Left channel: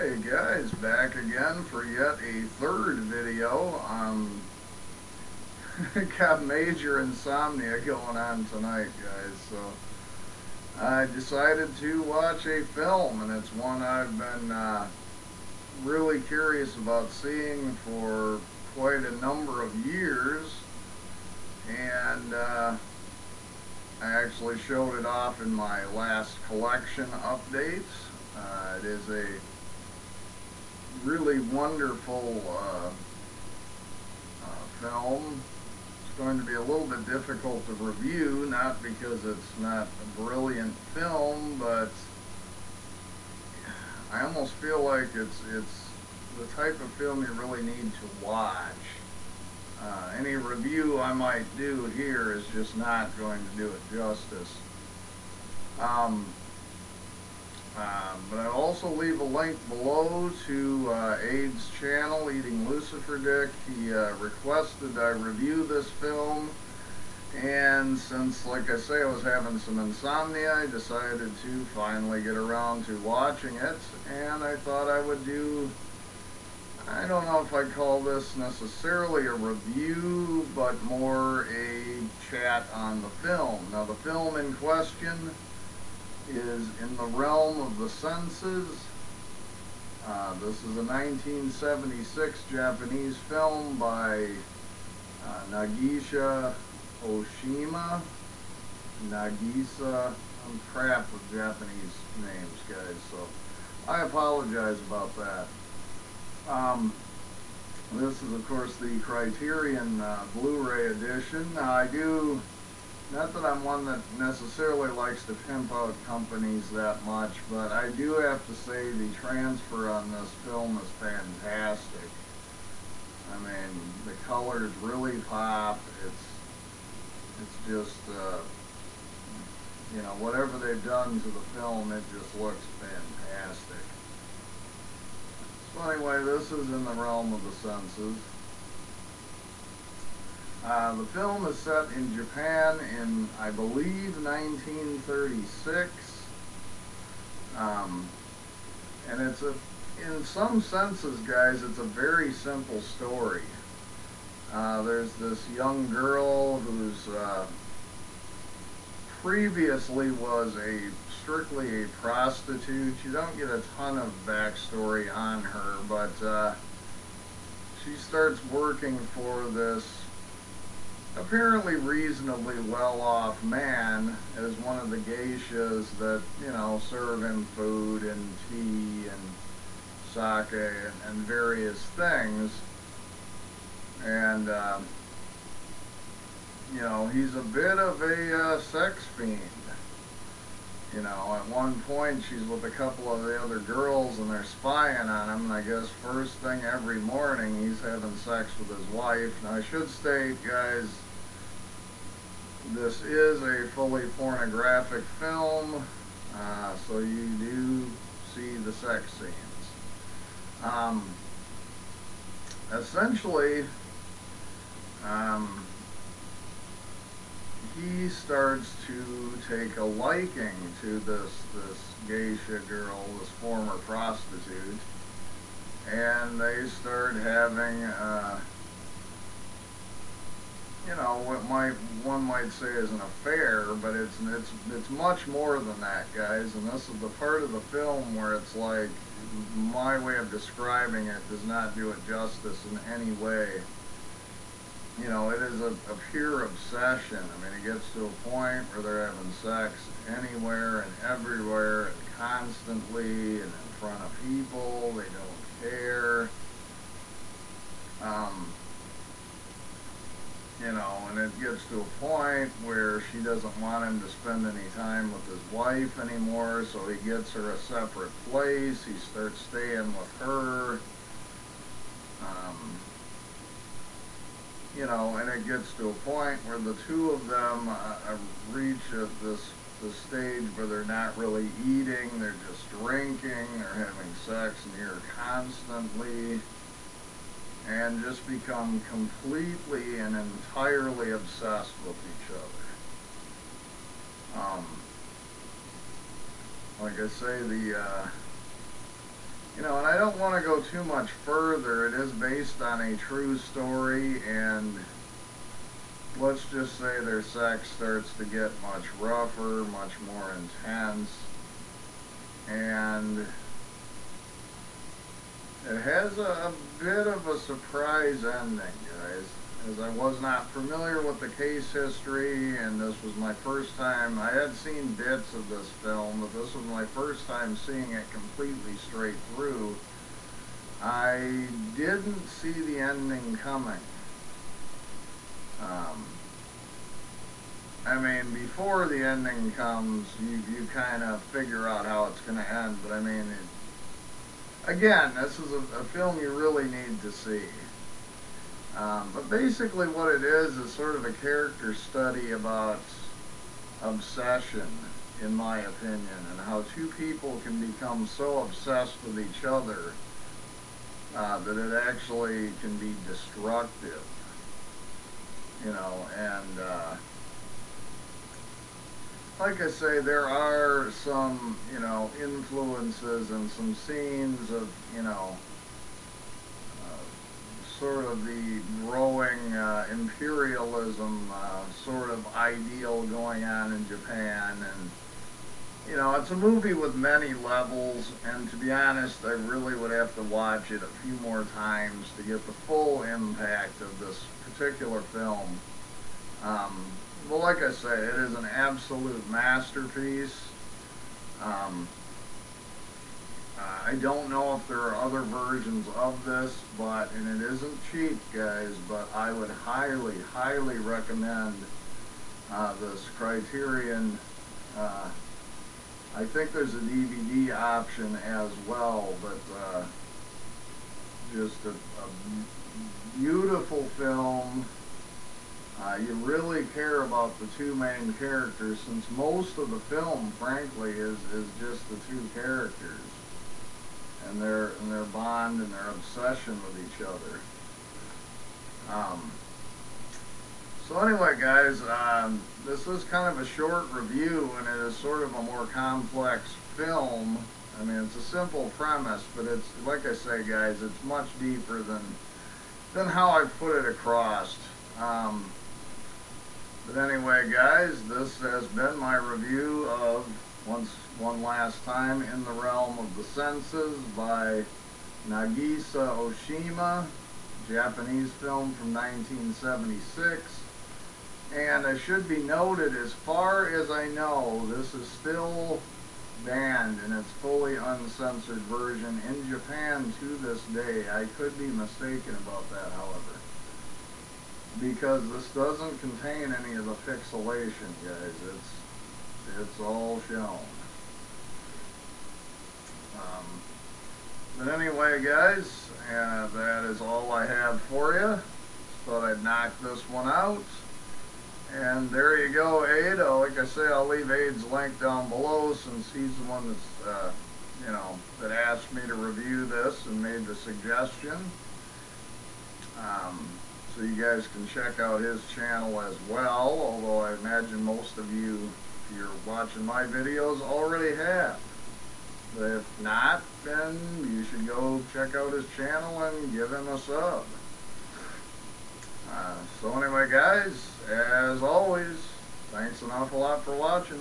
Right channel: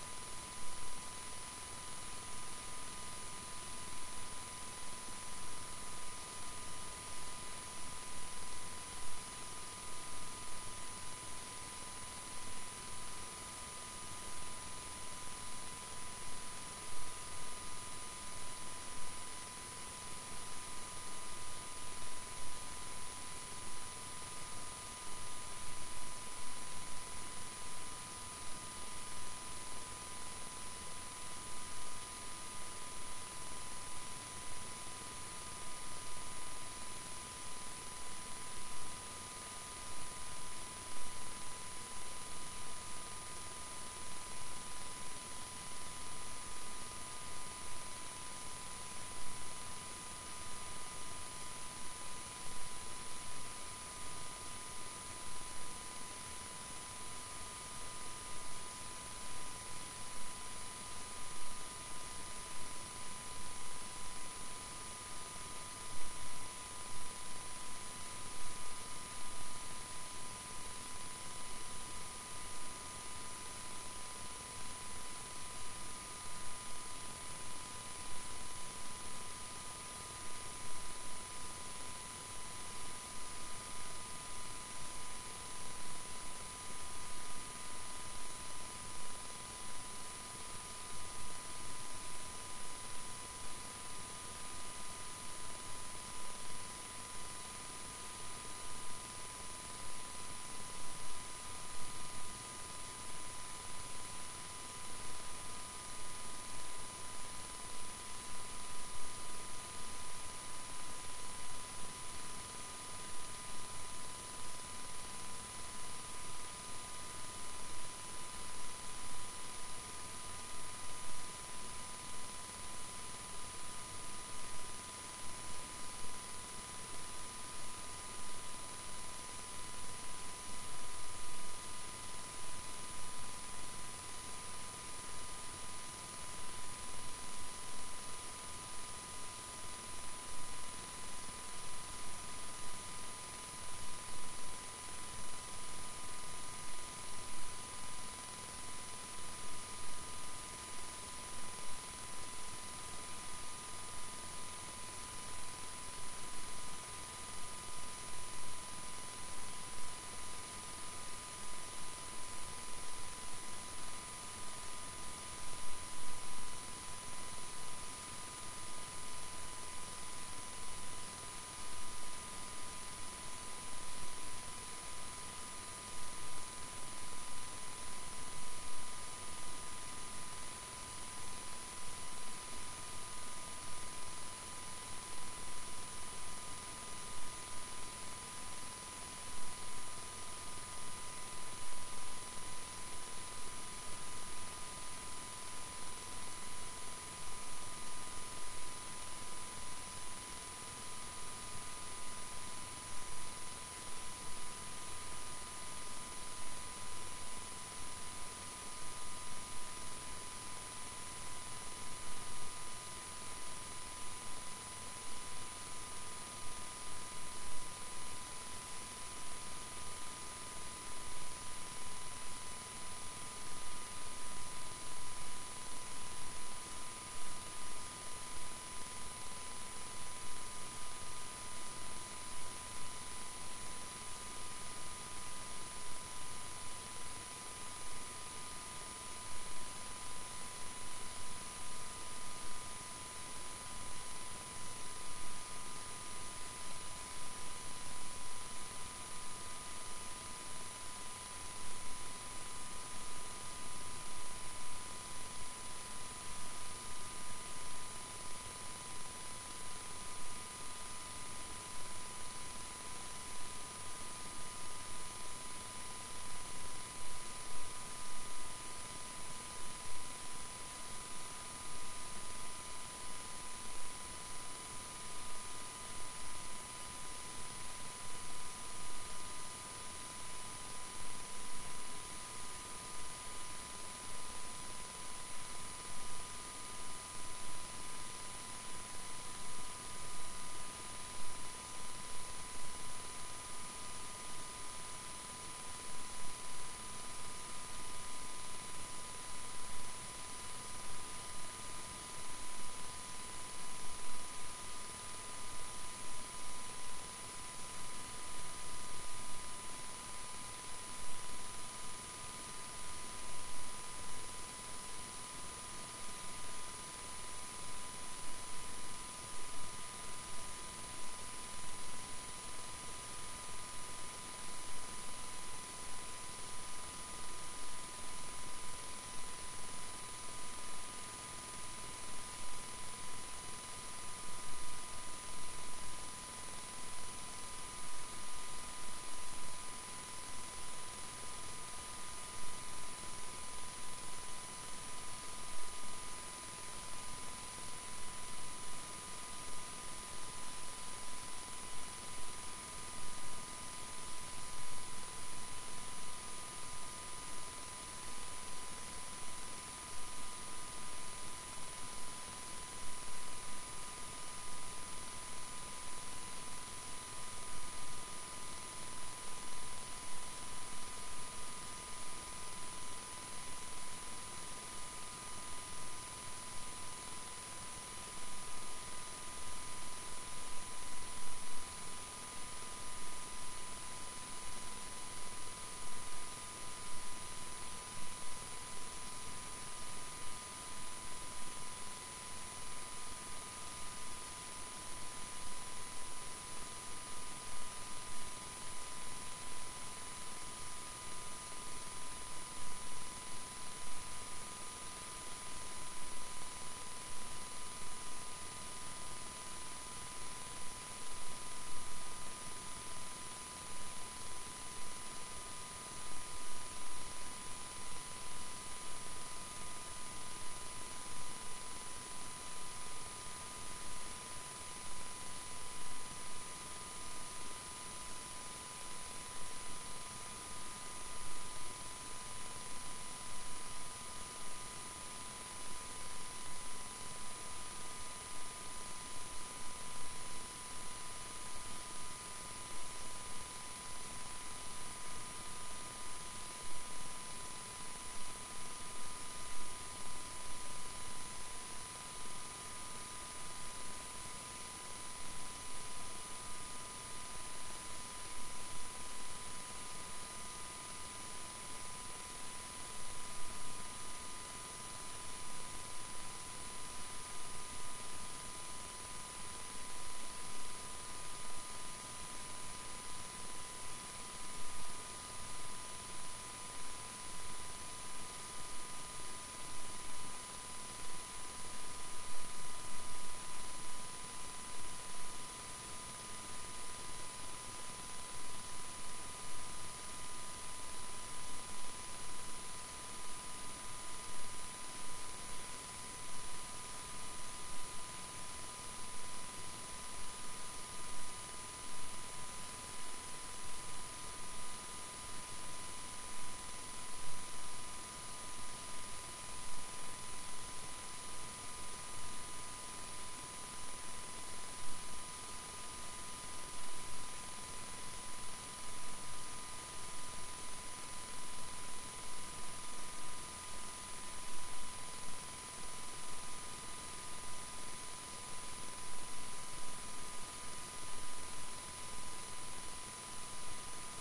Hey guys, back again for yet a third video. Got major insomnia going on tonight, guys. So I decided to watch a film, and it's one I've been really curious about seeing for quite a number of years. And I actually showed it off in my last collection updates. It is a really wonderful film. It's going to be a little bit difficult to review, not because it's not a brilliant film, but I almost feel like it's the type of film you really need to watch. Any review I might do here is just not going to do it justice. Um, but I'll also leave a link below to Ade's channel, Eating Lucifer Dick. He requested I review this film, and since, like I say, I was having some insomnia, I decided to finally get around to watching it, and I thought I would do, I don't know if I'd call this necessarily a review, but more a chat on the film. Now, the film in question is In the Realm of the Senses. This is a 1976 Japanese film by Nagisa Oshima. Nagisa, I'm crap with Japanese names, guys, so I apologize about that. This is, of course, the Criterion Blu-ray edition. Now, not that I'm one that necessarily likes to pimp out companies that much, but I do have to say the transfer on this film is fantastic. I mean, the colors really pop. It's just, whatever they've done to the film, it just looks fantastic. So anyway, this is In the Realm of the Senses. The film is set in Japan in, I believe, 1936, and in some senses, guys, it's a very simple story. There's this young girl who's previously was strictly a prostitute. You don't get a ton of backstory on her, but she starts working for this apparently reasonably well-off man as one of the geishas that, serve him food and tea and sake and various things. And, he's a bit of a sex fiend. At one point she's with a couple of the other girls and they're spying on him, and I guess first thing every morning he's having sex with his wife. Now, I should state, guys, this is a fully pornographic film, so you do see the sex scenes. Essentially, he starts to take a liking to this geisha girl, this former prostitute, and they start having, what one might say is an affair, but it's much more than that, guys. And this is the part of the film where it's like, my way of describing it does not do it justice in any way. It is a pure obsession. I mean, it gets to a point where they're having sex anywhere and everywhere, and constantly, and in front of people. They don't care. And it gets to a point where she doesn't want him to spend any time with his wife anymore, so he gets her a separate place. He starts staying with her. And it gets to a point where the two of them reach the stage where they're not really eating, they're just drinking, they're having sex near constantly, and just become completely and entirely obsessed with each other. Like I say, and go too much further, it is based on a true story, and let's just say their sex starts to get much rougher, much more intense, and it has a bit of a surprise ending, guys, as I was not familiar with the case history, and this was my first time. I had seen bits of this film, but this was my first time seeing it completely straight through. I didn't see the ending coming. I mean, before the ending comes, you kind of figure out how it's going to end, but I mean, again, this is a film you really need to see. But basically what it is sort of a character study about obsession, in my opinion, and how two people can become so obsessed with each other that it actually can be destructive, you know, and like I say, there are some, you know, influences and some scenes of, you know, sort of the growing imperialism sort of ideal going on in Japan, and you know, it's a movie with many levels, and to be honest, I really would have to watch it a few more times to get the full impact of this particular film. Well, like I say, it is an absolute masterpiece. I don't know if there are other versions of this, and it isn't cheap, guys, but I would highly, highly recommend this Criterion. I think there's a DVD option as well, but just a beautiful film. You really care about the two main characters, since most of the film, frankly, is just the two characters and their bond and their obsession with each other. So anyway, guys, this is kind of a short review, and it is sort of a more complex film. I mean, it's a simple premise, but it's, like I say, guys, it's much deeper than how I put it across. But anyway, guys, this has been my review of One Last Time in the Realm of the Senses by Nagisa Oshima, Japanese film from 1976. And it should be noted, as far as I know, this is still banned in its fully uncensored version in Japan to this day. I could be mistaken about that, however, because this doesn't contain any of the pixelation, guys. It's all shown. But anyway, guys, that is all I have for you. Thought I'd knock this one out. And there you go, Aid. Like I say, I'll leave Aid's link down below, since he's the one that's, you know, that asked me to review this and made the suggestion. So you guys can check out his channel as well, although I imagine most of you, if you're watching my videos, already have. But if not, then you should go check out his channel and give him a sub. So anyway, guys, as always, thanks an awful lot for watching.